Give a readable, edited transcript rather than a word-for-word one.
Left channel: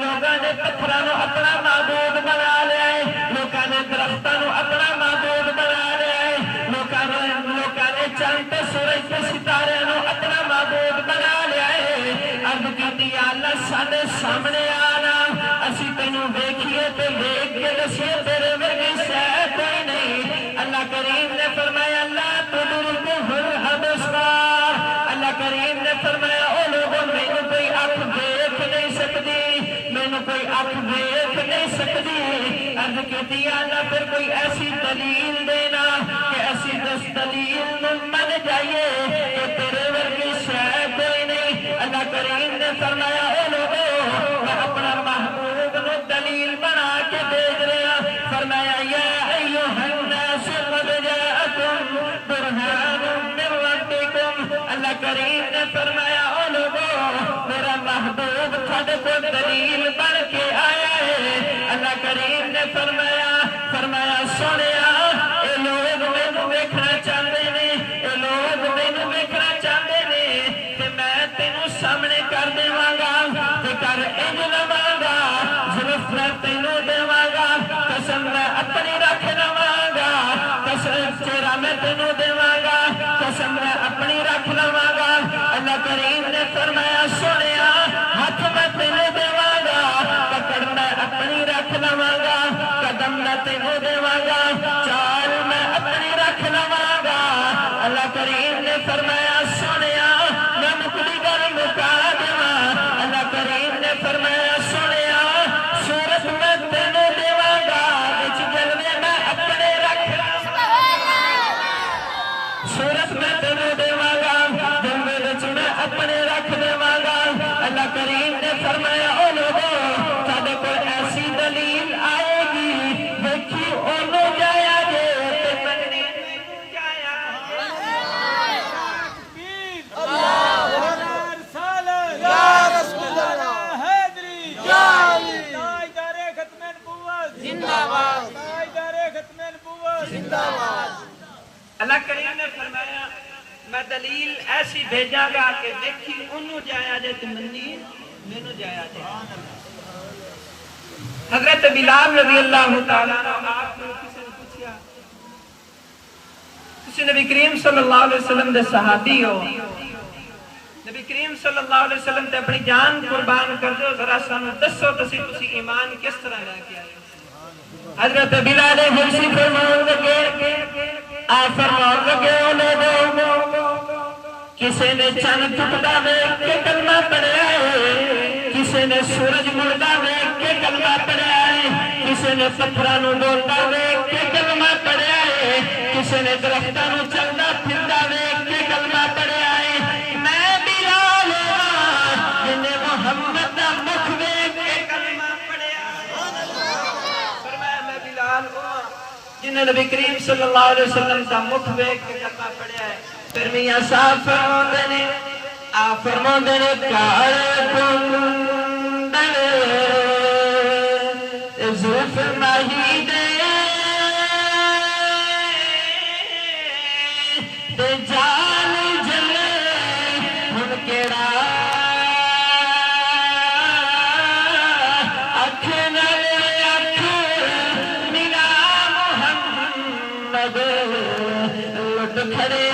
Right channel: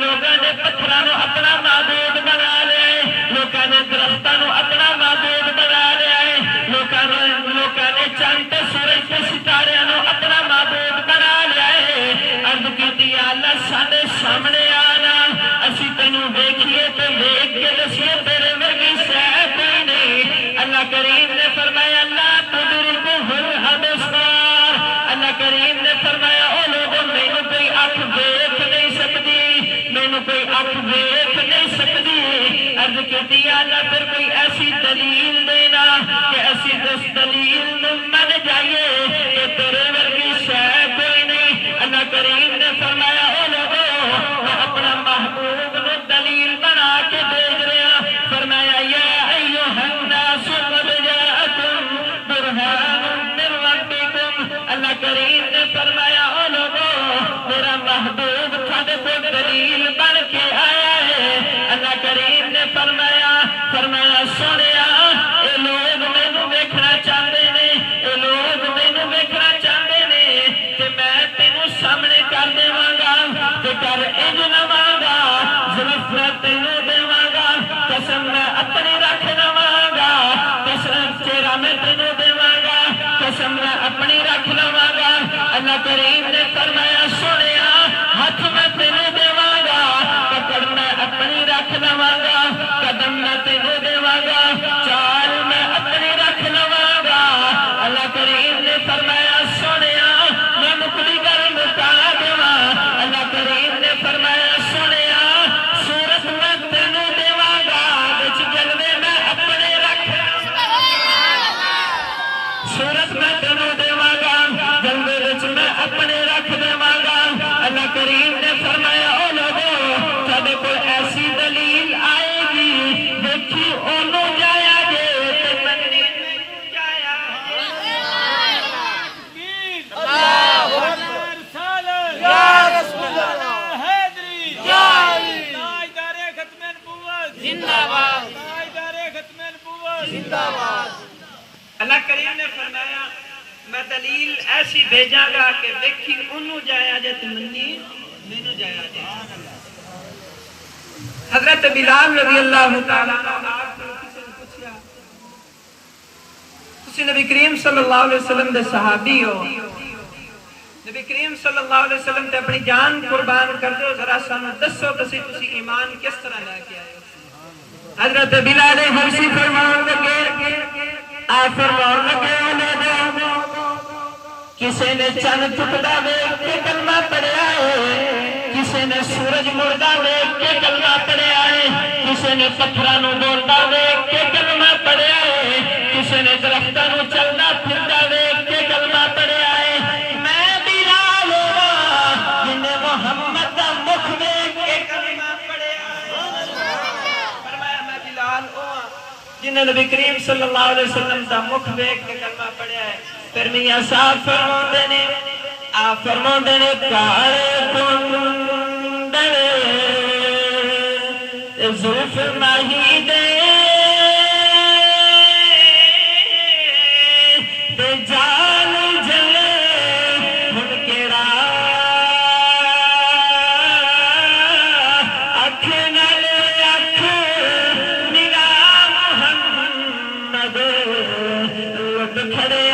لوگوں نے پتھراں نوں اپنا معبود بنا لیا ہے، لوگوں نے درختاں نوں اپنا معبود بنا لیا ہے، لوگوں نے چند تے سورج تے ستاریاں نوں اپنا معبود بنا لیا ہے۔ عرض کیتی یا اللہ ساڈے سامنے آنا، اسی تینوں ویکھیے تے ویکھ کے دسیے تیرے ورگی شے کوئی نہیں۔ اللہ کریم نے فرمایا اللہ تدرکہ الابصار، اللہ کریم نے فرمایا او لوگوں مینوں کوئی اکھ ویکھ نہیں سکتی، مینوں کوئی اکھ ویکھ نہیں سکتی۔ عرض کیتی یا اللہ پھر کوئی ایسی دلیل دینا کہ اسی اس دلیل نوں من جائیے کہ تیرے ورگی شے کوئی نہیں۔ اللہ کریم نے فرمایا او لوگوں میں اپنا محبوب نو دلیل بنا کے بھیج رہا، فرمایا یا ایھا الناس قد جاءکم برہان من ربکم۔ اللہ کریم نے فرمایا او لوگوں میرا محبوب تھوڑے کو دلیل بن کے آیا ہے۔ اللہ کریم نے فرمایا سونیا اے لوگ مینوں ویکھنا چاہتے نے، اے لوگ مینوں ویکھنا چاہتے نے کہ میں تینوں سامنے کر دیواں گا تے کر انج لواں گا، زلف میں تینوں دیواں گا، قسم میں اپنی رکھ لواں گا، قسم چہرہ میں تینوں دیواں گا، قسم میں اپنی رکھ لواں گا۔ اللہ کریم نے فرمایا سونیا ہاتھ میں تینوں دیواں گا، پکڑ میں اپنی رکھ لواں گا، قدم میں تینوں دیواں گا، چال میں اپنی رکھ لواں گا۔ اللہ کریم نے فرمایا سونیا میں مکلی گل مکا دیواں۔ اللہ کریم نے فرمایا سونیا صورت میں تینوں دیواں گا، وچ جلوے میں اپنے رکھ صورت میں تینوں دیواں گا، جلوے وچ میں اپنے رکھ دیواں گا۔ اللہ کریم نے فرمایا او لوگوں ساڈے کول ایسی دلیل آئے گی دیکھی اونوں جایا جے تے منی جایا اللہ کریم نے فرمایا میں دلیل ایسی بھیجا گا کہ دیکھی انہوں جایا جے تو منی مینوں جایا جے۔ حضرت بلال رضی اللہ تعالیٰ عنہ آپ کو کسی نے پوچھا تسی نبی کریم صلی اللہ علیہ وسلم دے صحابی ہو، نبی کریم صلی اللہ علیہ وسلم تے اپنی جان قربان کر دو، ذرا سانوں دسو تسی ایمان کس طرح لے کے آئے ہو۔ حضرت بلال حبشی فرمان لگے لوگوں کسی نے چند ٹکڑا ویکھ کے کلمہ پڑھیا ہے، کسی نے سورج مڑدا ویکھ کے کلمہ پڑھیا ہے، کسی نے پتھراں نوں ڈولدا ویکھ کے کلمہ پڑھیا ہے، کسی نے درختاں نوں چلدا پھردا ویکھ کے کلمہ پڑھیا ہے۔ میں بلال جن نے محمد دا مکھ ویکھ کے کلمہ پڑھیا ہے۔ فرمایا میں بلال ہوں جن نے نبی کریم صلی اللہ علیہ وسلم دا مکھ ویکھ کے کلمہ پڑھیا ہے۔ پھر میاں صاحب فرماندے نے کالے کندر زلف نہیں دے تے جان جلے ہن کیڑا اکھ نال اکھ ملا محمد لٹ کھڑے